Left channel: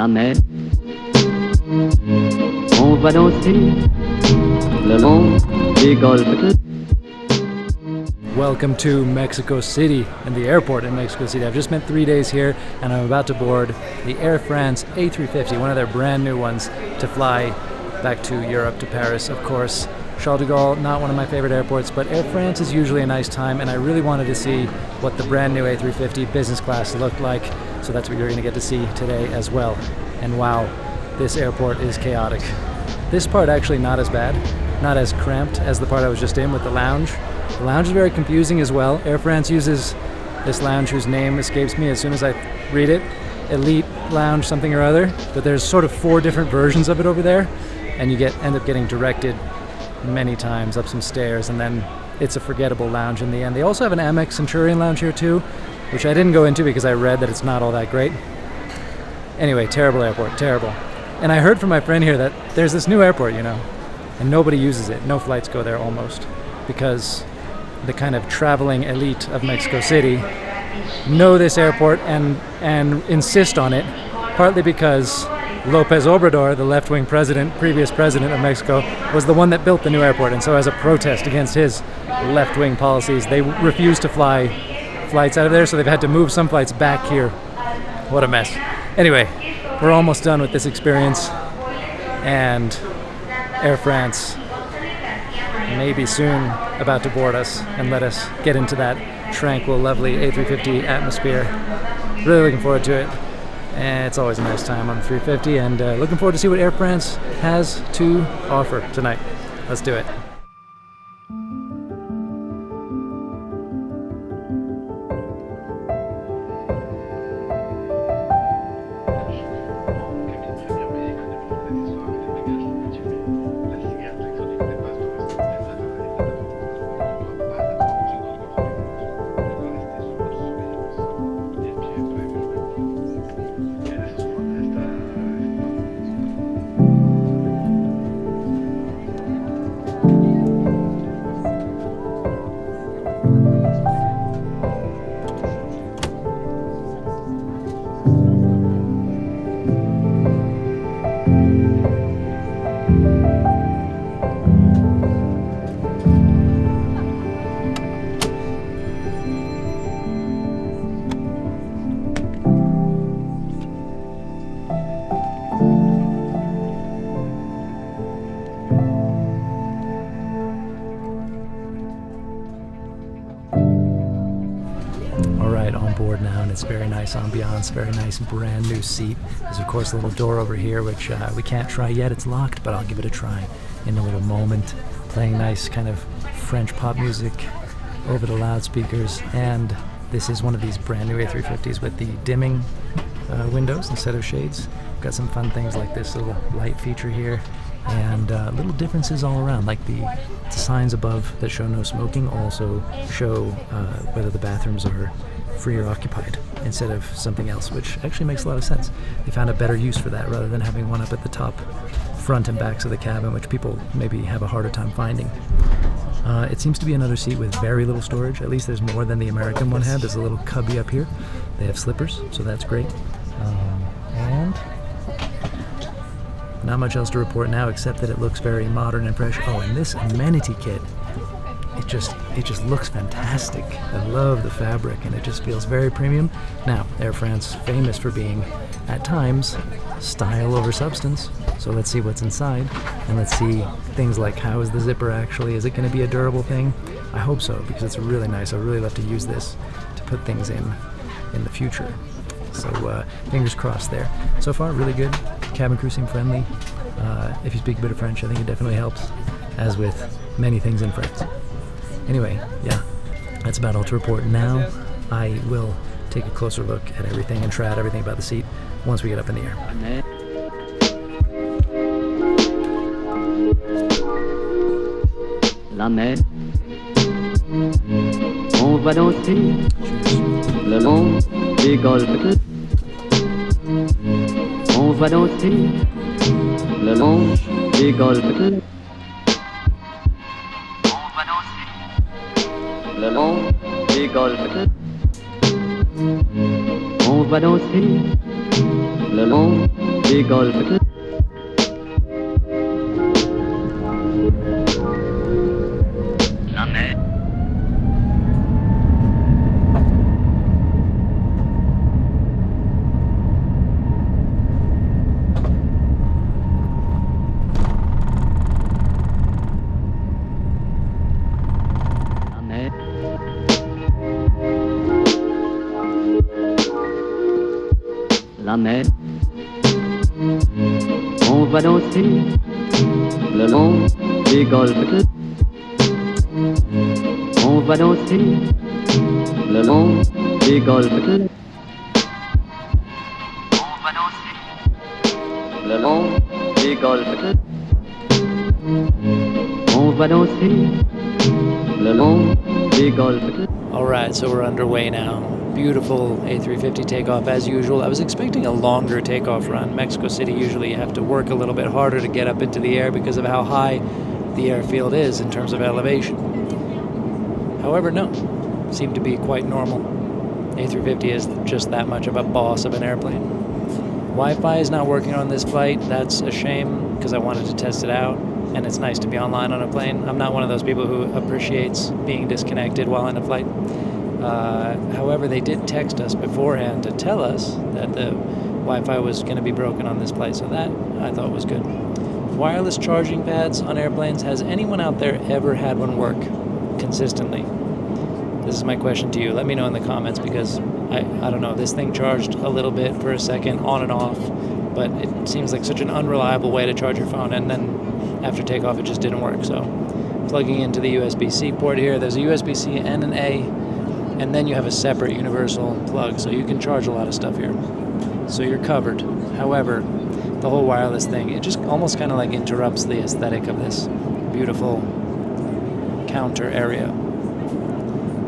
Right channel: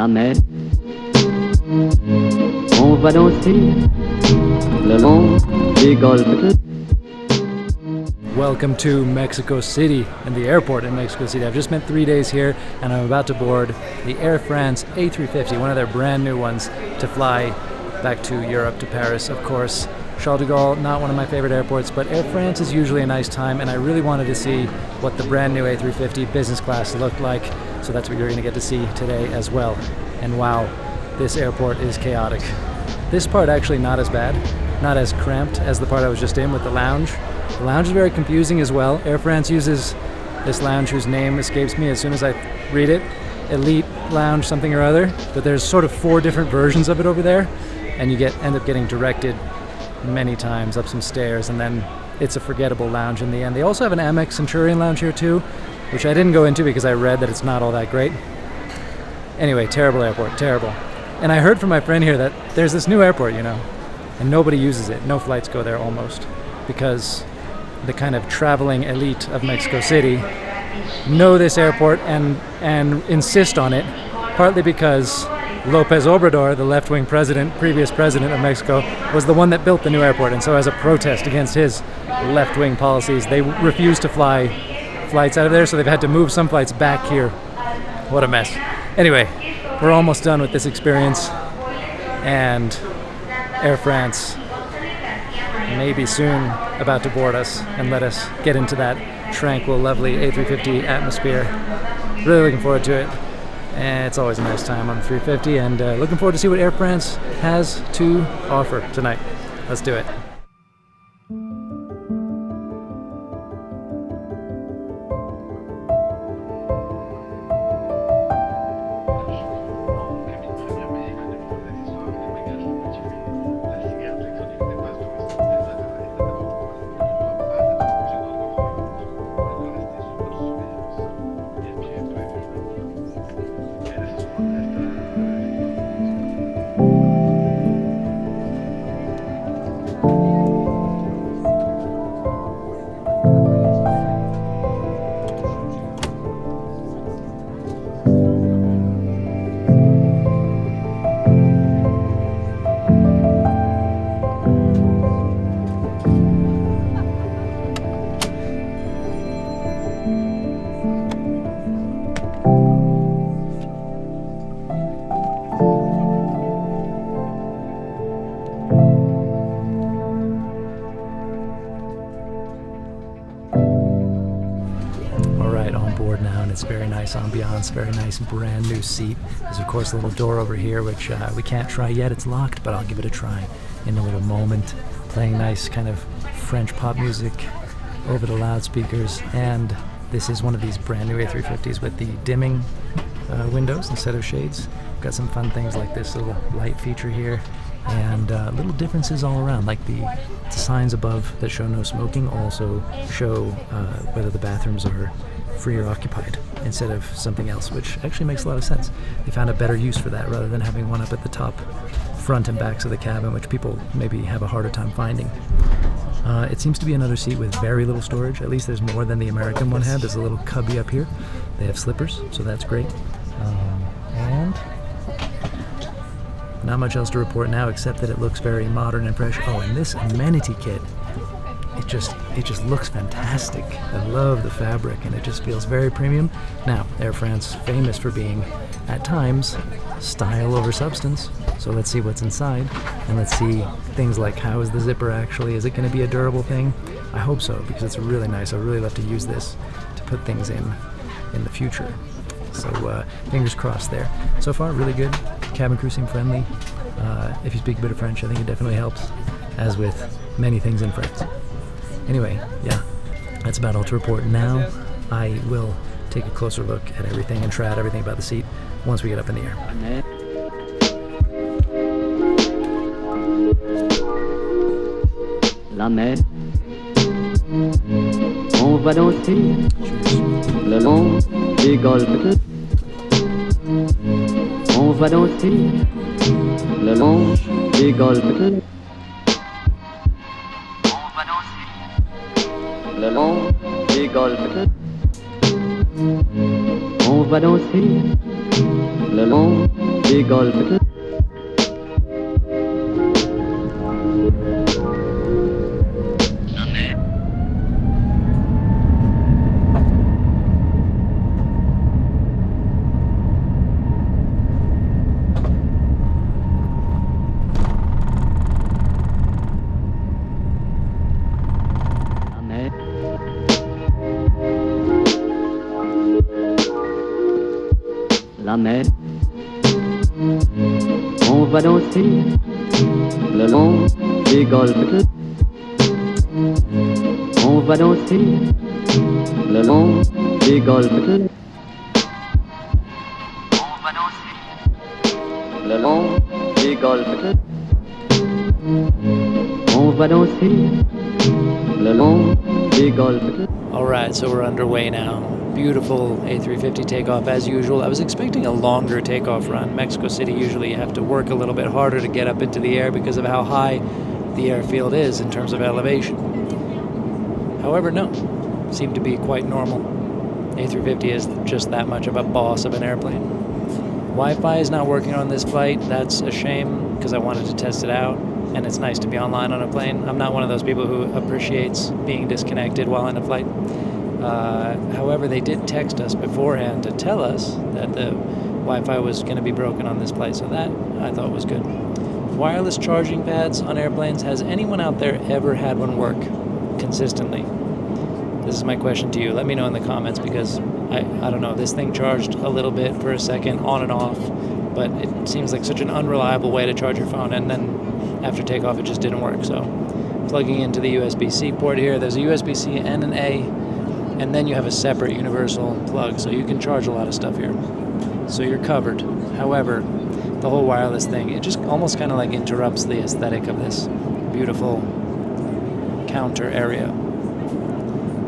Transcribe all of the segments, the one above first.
la mer. On va danser le long des golfes. Welcome to Mexico City and the airport in Mexico City. I've just spent 3 days here and I'm about to board the Air France A350, one of their brand new ones, to fly back to Europe, to Paris, of course. Charles de Gaulle, not one of my favorite airports, but Air France is usually a nice time, and I really wanted to see what the brand new A350 business class looked like, so that's what you're going to get to see today as well. And wow, this airport is chaotic. This part actually not as bad, not as cramped as the part I was just in with the lounge. The lounge is very confusing as well. Air France uses this lounge whose name escapes me as soon as I read it. Elite Lounge something or other, but there's sort of 4 different versions of it over there, and you end up getting directed many times up some stairs, and then it's a forgettable lounge in the end. They also have an Amex Centurion lounge here too, which I didn't go into because I read that it's not all that great. Anyway, terrible airport, terrible. And I heard from my friend here that there's this new airport, you know, and nobody uses it. No flights go there almost, because the kind of traveling elite of Mexico City know this airport and insist on it, partly because López Obrador, the left-wing previous president of Mexico, was the one that built the new airport, and so as a protest against his left-wing policies, they refused to fly flights out of there, so they've had to move some flights back here. What a mess. Anyway, we're almost done with this experience, and Air France may be soon about to board us and let us get into that tranquil, lovely A350 atmosphere. Really looking forward to it. And it's always a nice time on the 350, and looking forward to see what Air France has to offer tonight. Let's do it. On board now, and it's very nice ambiance, very nice brand new seat. There's of course a little door over here which we can't try yet, it's locked, but I'll give it a try in a little moment. Playing nice kind of French pop music over the loudspeakers, and this is one of these brand new A350s with the dimming windows instead of shades. Got some fun things like this little light feature here, and little differences all around, like the signs above that show no smoking also show whether the bathrooms are free or occupied instead of something else, which actually makes a lot of sense. They found a better use for that rather than having one up at the top, front and backs of the cabin, which people maybe have a harder time finding. It seems to be another seat with very little storage. At least there's more than the American one had. There's a little cubby up here. They have slippers, so that's great. And not much else to report now except that it looks very modern and fresh. Oh, and this amenity kit, it just looks fantastic. I love the fabric, and it just feels very premium. Now, Air France, famous for being, at times, style over substance. So let's see what's inside, and let's see things like, how is the zipper actually? Is it going to be a durable thing? I hope so, because it's really nice. I really love to use this to put things in the future. So fingers crossed there. So far, really good. Cabin crew seem friendly. If you speak a bit of French, I think it definitely helps, as with many things in France. Anyway, yeah, that's about all to report. Now I will take a closer look at everything and try out everything about the seat once we get up in the air. La mer. On va danser le long des golfes. On va danser le long des golfes. Le long des golfes. On va danser le long des golfes. La mer. La mer. La mer. On va danser le long des golfes. On va danser le long des golfes. On va danser le long des golfes. On va danser le long des golfes. All right, so we're underway now. Beautiful A350 takeoff as usual. I was expecting a longer takeoff run. Mexico City, usually you have to work a little bit harder to get up into the air because of how high the airfield is in terms of elevation. However, no, seemed to be quite normal. A350 is just that much of a boss of an airplane. Wi-Fi is not working on this flight. That's a shame because I wanted to test it out, and it's nice to be online on a plane. I'm not one of those people who appreciates being disconnected while in a flight. However, they did text us beforehand to tell us that the Wi-Fi was going to be broken on this flight, so that I thought was good. Wireless charging pads on airplanes, has anyone out there ever had one work consistently? This is my question to you. Let me know in the comments because I don't know, this thing charged a little bit for a second on and off, but it seems like such an unreliable way to charge your phone, and then after takeoff it just didn't work. So plugging into the USB-C port here, there's a USB-C and an A, and then you have a separate universal plug, so you can charge a lot of stuff here. So you're covered. However, the whole wireless thing, it just almost kind of like interrupts the aesthetic of this beautiful counter area.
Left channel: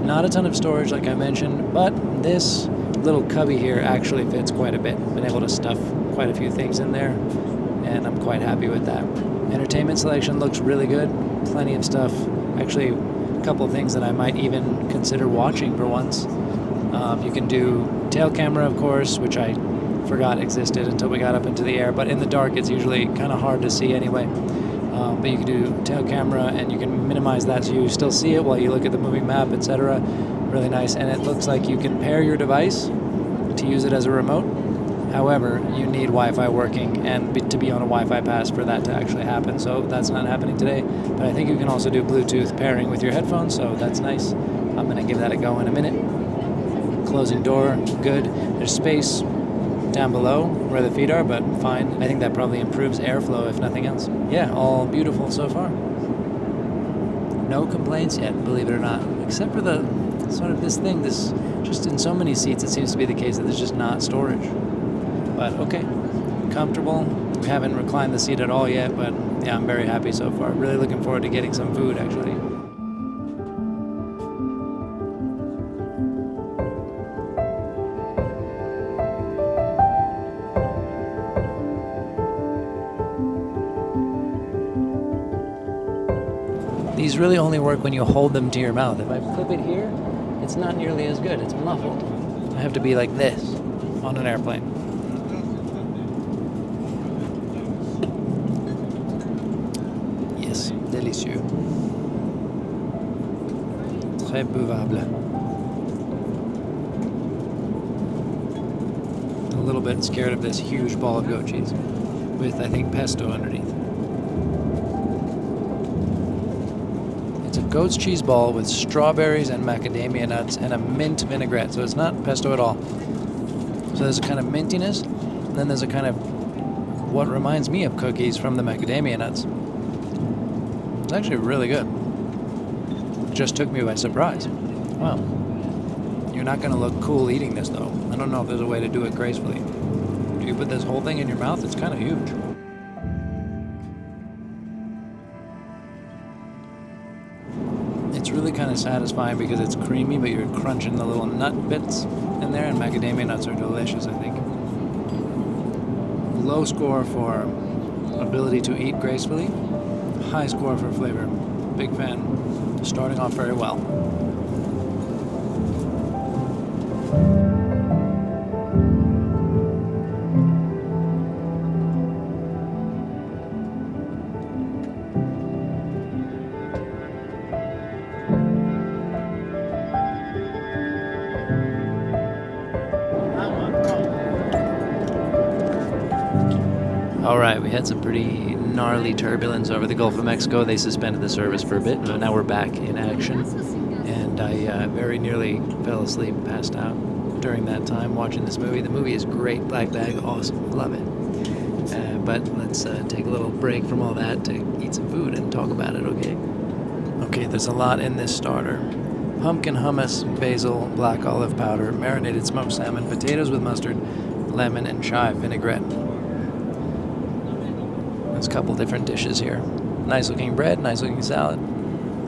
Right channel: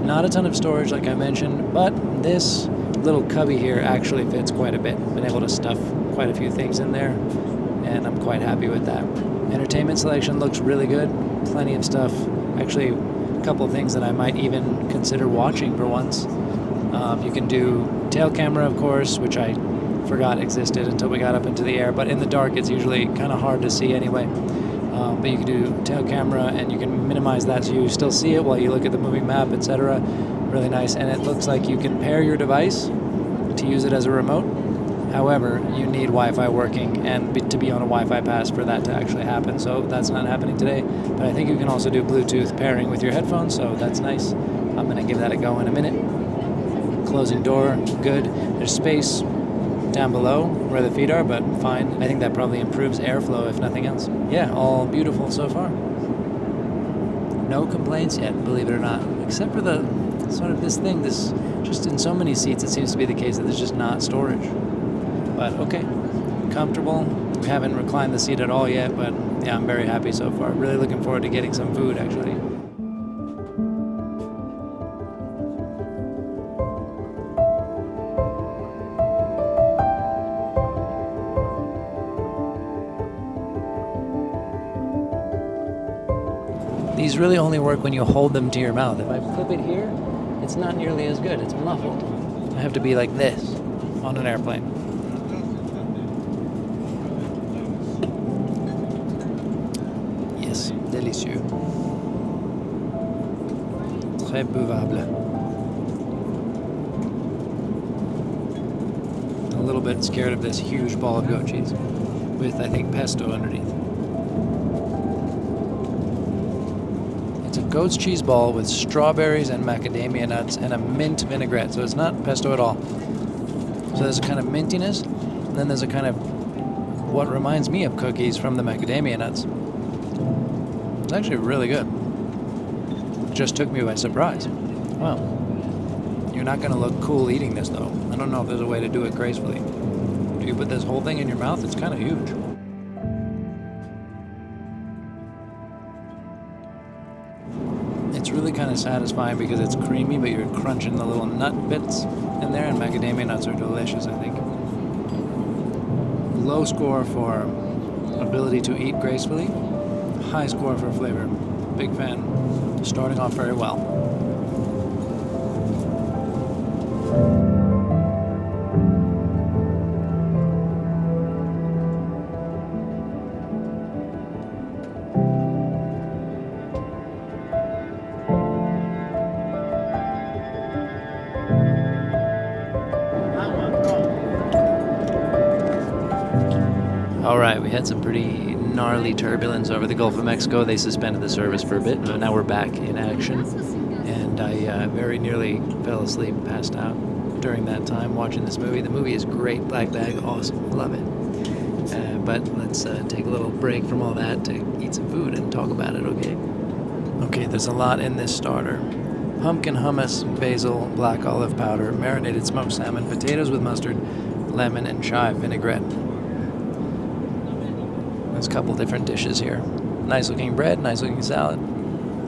Not a ton of storage like I mentioned, but this little cubby here actually fits quite a bit. Been able to stuff quite a few things in there, and I'm quite happy with that. Entertainment selection looks really good. Plenty of stuff. Actually, a couple of things that I might even consider watching for once. You can do tail camera, of course, which I forgot existed until we got up into the air, but in the dark it's usually kind of hard to see anyway. But you can do tail camera and you can minimize that so you still see it while you look at the moving map, etc. Really nice. And it looks like you can pair your device to use it as a remote. However, you need Wi-Fi working and to be on a Wi-Fi pass for that to actually happen. So that's not happening today. But I think you can also do Bluetooth pairing with your headphones, so that's nice. I'm going to give that a go in a minute. Closing door, good. There's space down below where the feet are, but fine. I think that probably improves airflow if nothing else. Yeah, all beautiful so far. No complaints yet, believe it or not, except for the sort of this thing, this just in so many seats it seems to be the case that there's just not storage. But okay, comfortable. We haven't reclined the seat at all yet, but yeah, I'm very happy so far. Really looking forward to getting some food actually. These really only work when you hold them to your mouth. If I flip it here, it's not nearly as good. It's muffled. I have to be like this on an airplane. Yes, délicieux. Très buvable. A little bit scared of this huge ball of goat cheese with, I think, pesto underneath. It's a goat's cheese ball with strawberries and macadamia nuts and a mint vinaigrette, so it's not pesto at all. So there's a kind of mintiness, and then there's a kind of what reminds me of cookies from the macadamia nuts. It's actually really good. It just took me by surprise. Wow. You're not going to look cool eating this, though. I don't know if there's a way to do it gracefully. Do you put this whole thing in your mouth? It's kind of huge. It's really kind of satisfying because it's creamy, but you're crunching the little nut bits in there, and macadamia nuts are delicious, I think. Low score for ability to eat gracefully, high score for flavor. Big fan. Starting off very well. All right, we had some pretty gnarly turbulence over the Gulf of Mexico. They suspended the service for a bit, but now we're back in action. And I very nearly fell asleep, passed out during that time watching this movie. The movie is great, Black Bag, awesome, love it. But let's take a little break from all that to eat some food and talk about it, okay? Okay, there's a lot in this starter. Pumpkin hummus, basil, black olive powder, marinated smoked salmon, potatoes with mustard, lemon, and chive vinaigrette. There's a couple different dishes here. Nice looking bread, nice looking salad.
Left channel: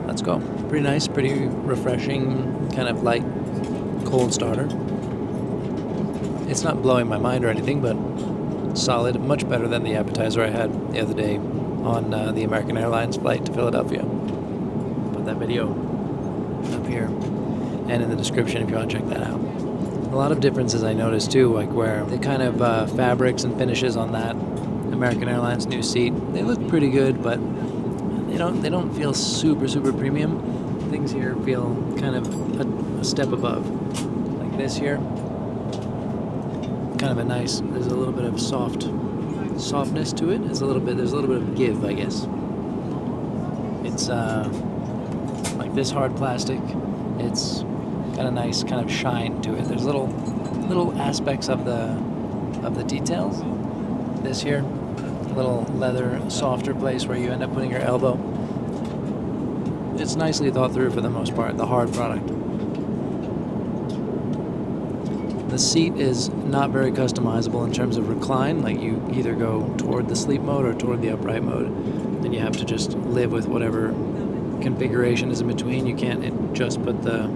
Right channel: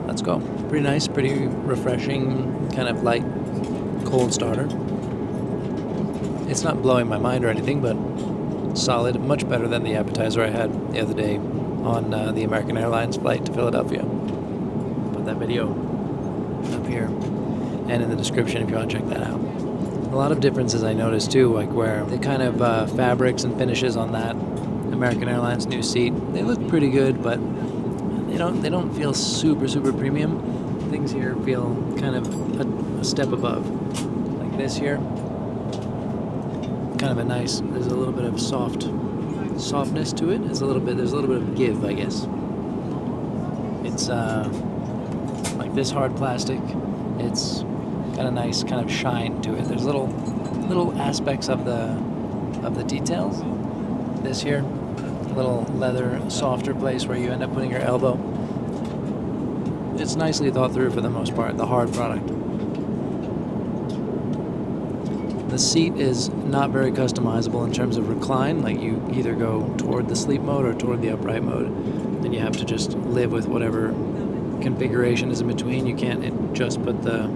Let's go. Pretty nice, pretty refreshing, kind of light, cold starter. It's not blowing my mind or anything, but solid, much better than the appetizer I had the other day on the American Airlines flight to Philadelphia. Put that video up here and in the description if you want to check that out. A lot of differences I noticed too, like where the kind of fabrics and finishes on that American Airlines new seat, they look pretty good, but they don't feel super premium. Things here feel kind of a step above. Like this here, kind of a nice, there's a little bit of softness to it. There's a little bit of give, I guess. It's like this hard plastic, it's got a nice kind of shine to it. There's little aspects of the details. This here, a little leather, softer place where you end up putting your elbow. It's nicely thought through for the most part, the hard product. The seat is not very customizable in terms of recline, like you either go toward the sleep mode or toward the upright mode. Then you have to just live with whatever configuration is in between. You can't just put the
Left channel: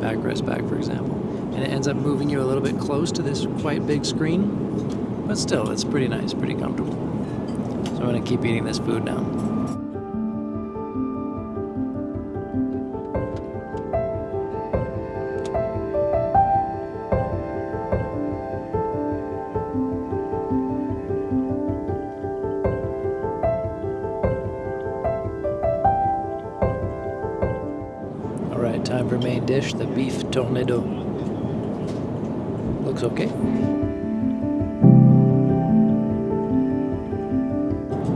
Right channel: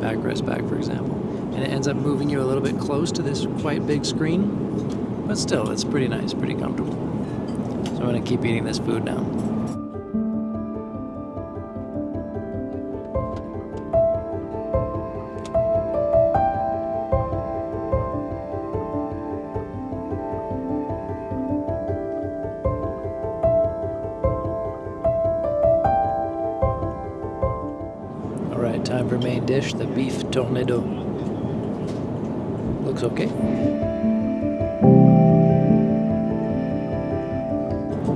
backrest back, for example. And it ends up moving you a little bit close to this quite big screen, but still, it's pretty nice, pretty comfortable. So I'm gonna keep eating this food now. Alright, time for main dish, the beef tornado. Looks okay.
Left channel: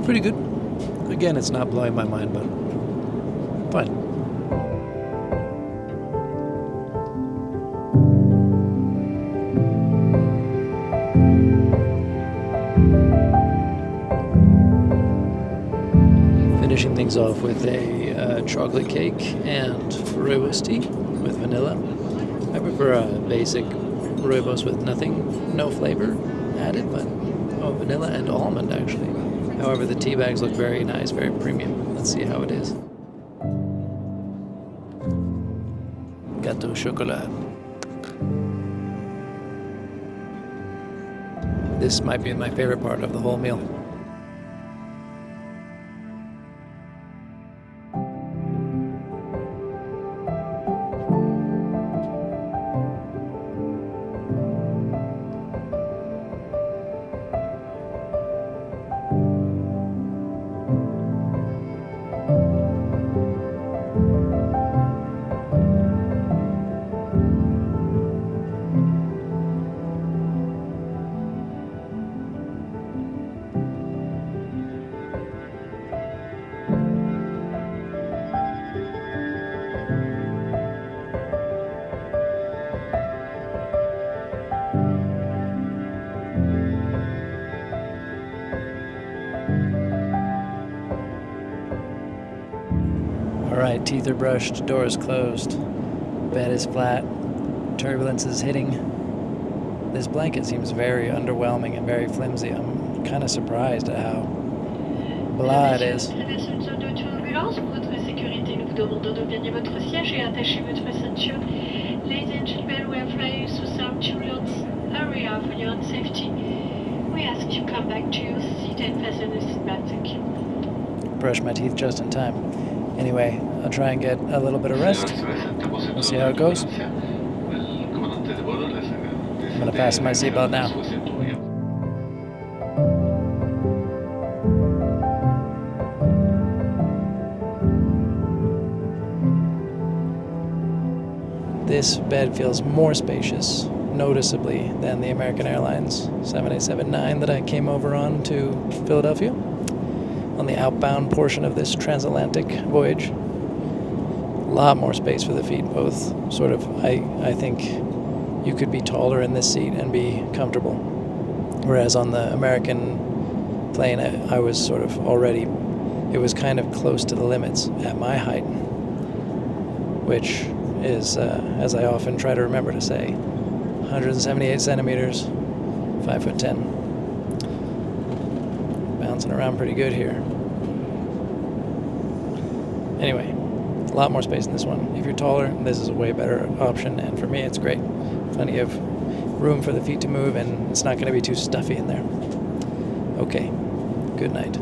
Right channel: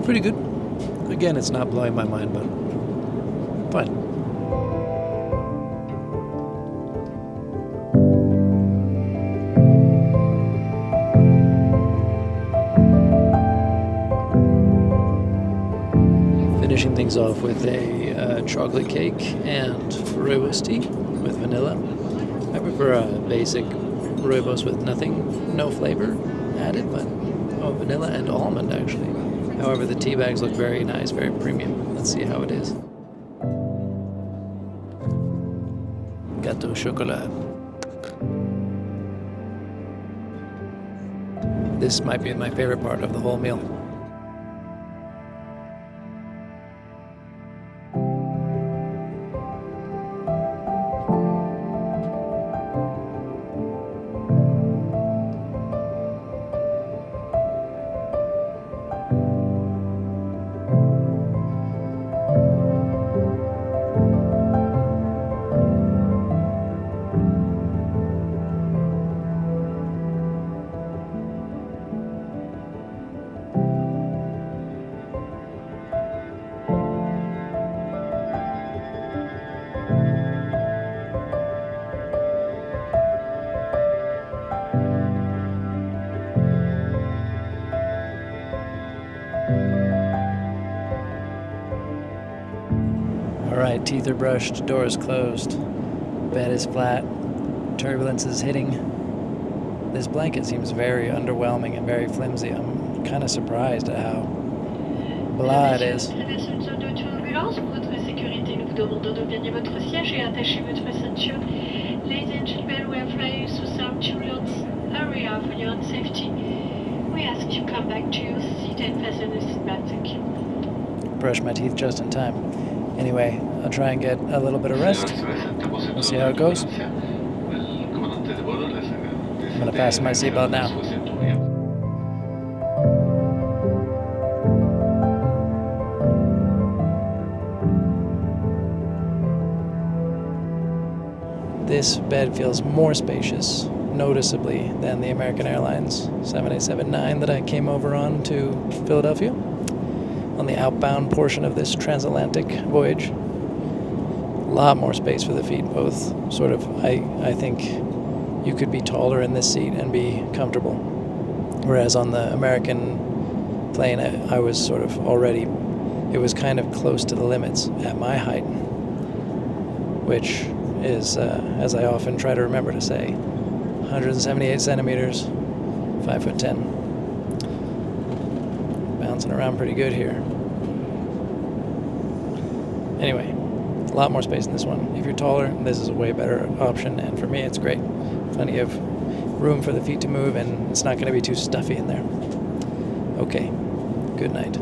Pretty good. Again, it's not blowing my mind, but fine. Finishing things off with a chocolate cake and rooibos tea with vanilla. I prefer a basic rooibos with nothing, no flavor added, but vanilla and almond actually. However, the tea bags look very nice, very premium. Let's see how it is. Gâteau au chocolat. This might be my favorite part of the whole meal. Alright, teeth are brushed, door is closed, bed is flat, turbulence is hitting. This blanket seems very underwhelming and very flimsy. I'm kind of surprised at how blah it is. Brush my teeth just in time. Anyway, I'll try and get a little bit of rest. We'll see how it goes. I'm going to fasten my seatbelt now. This bed feels more spacious, noticeably than the American Airlines 787-9 that I came over on to Philadelphia on the outbound portion of this transatlantic voyage. A lot more space for the feet, both sort of, I think you could be taller in this seat and be comfortable. Whereas on the American plane, I was sort of already, it was kind of close to the limits at my height, which is, as I often try to remember to say, 178 centimeters, 5'10". Bouncing around pretty good here. Anyway, a lot more space in this one. If you're taller, this is a way better option, and for me, it's great. Plenty of room for the feet to move, and it's not going to be too stuffy in there. Okay, good night.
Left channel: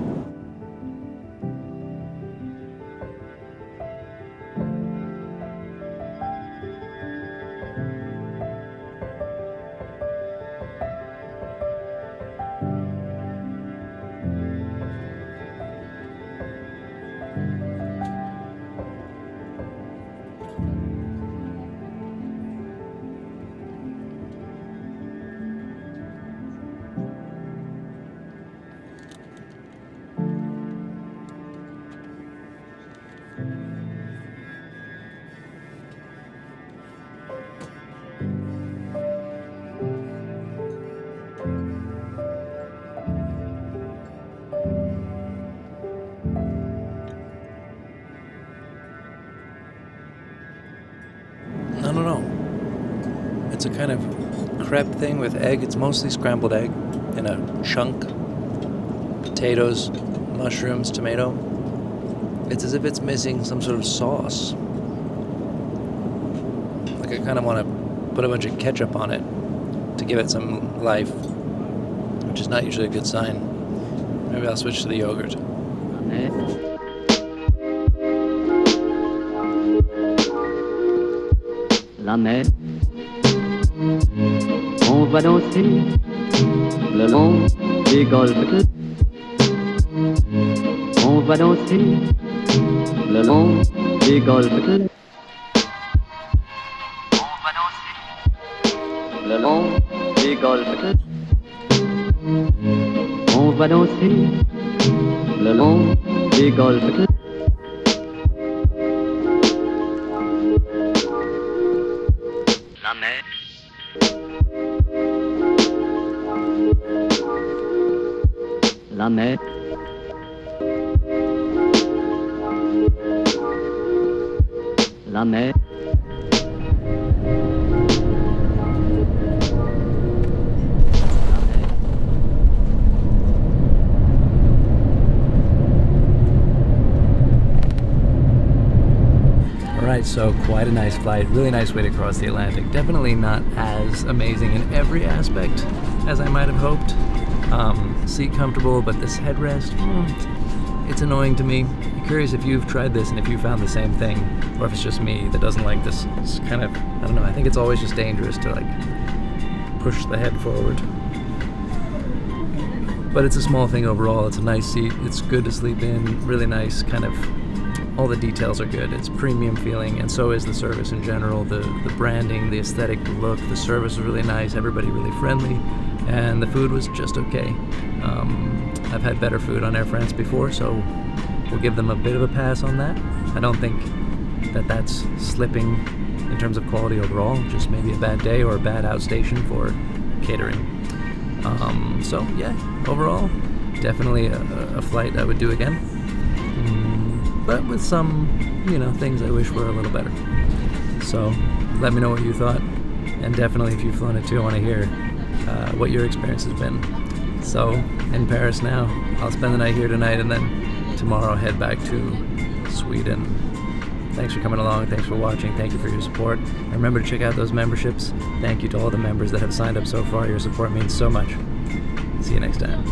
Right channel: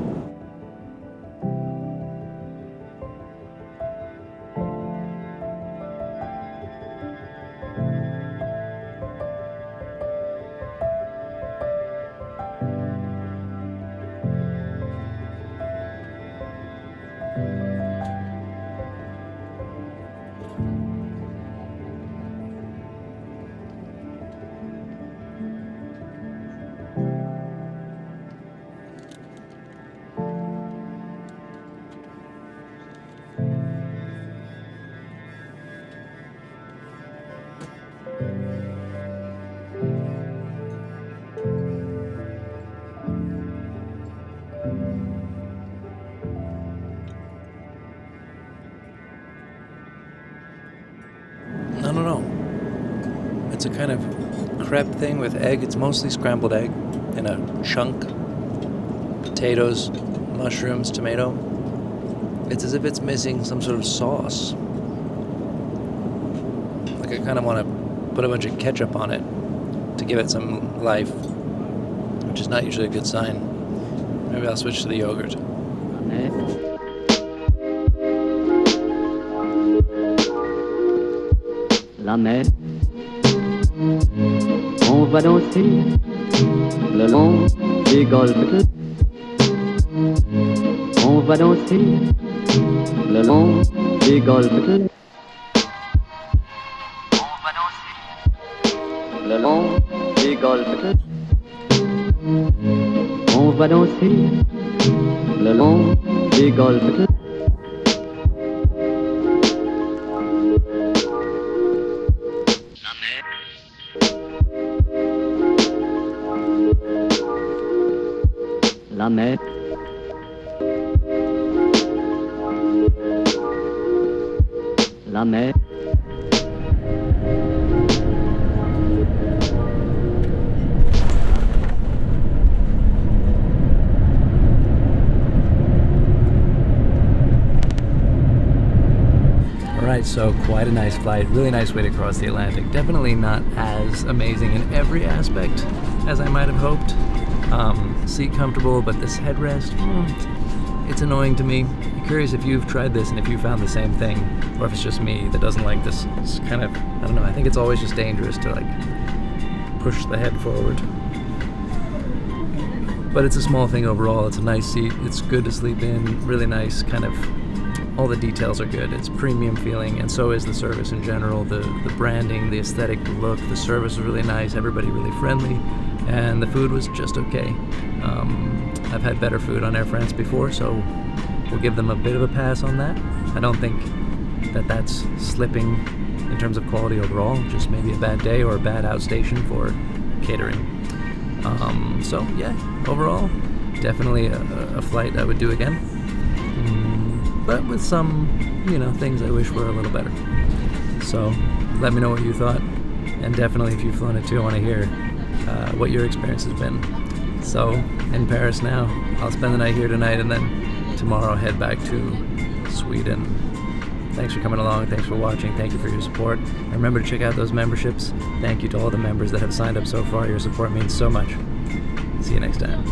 I don't know. It's a kind of crepe thing with egg. It's mostly scrambled egg in a chunk. Potatoes, mushrooms, tomato. It's as if it's missing some sort of sauce. Like I kind of want to put a bunch of ketchup on it to give it some life, which is not usually a good sign. Maybe I'll switch to the yogurt. La mer, on va danser le long des golfes. On va danser le long des golfes. On va danser le long des golfes. On va danser le long des golfes. La mer. La mer. Alright, so quite a nice flight, really nice way to cross the Atlantic. Definitely not as amazing in every aspect as I might have hoped. Seat comfortable, but this headrest, it's annoying to me. I'm curious if you've tried this and if you found the same thing, or if it's just me that doesn't like this. It's kind of, I don't know, I think it's always just dangerous to like push the head forward. But it's a small thing overall. It's a nice seat, it's good to sleep in, really nice, kind of, all the details are good. It's premium feeling, and so is the service in general. The branding, the aesthetic look, the service was really nice, everybody really friendly, and the food was just okay. I've had better food on Air France before, so we'll give them a bit of a pass on that. I don't think that that's slipping in terms of quality overall, just maybe a bad day or a bad outstation for catering. So yeah, overall, definitely a flight I would do again. But with some, things I wish were a little better. So let me know what you thought, and definitely if you've flown it too, I want to hear what your experience has been. So in Paris now, I'll spend the night here tonight, and then tomorrow head back to Sweden. Thanks for coming along, thanks for watching, thank you for your support. And remember to check out those memberships. Thank you to all the members that have signed up so far. Your support means so much. See you next time.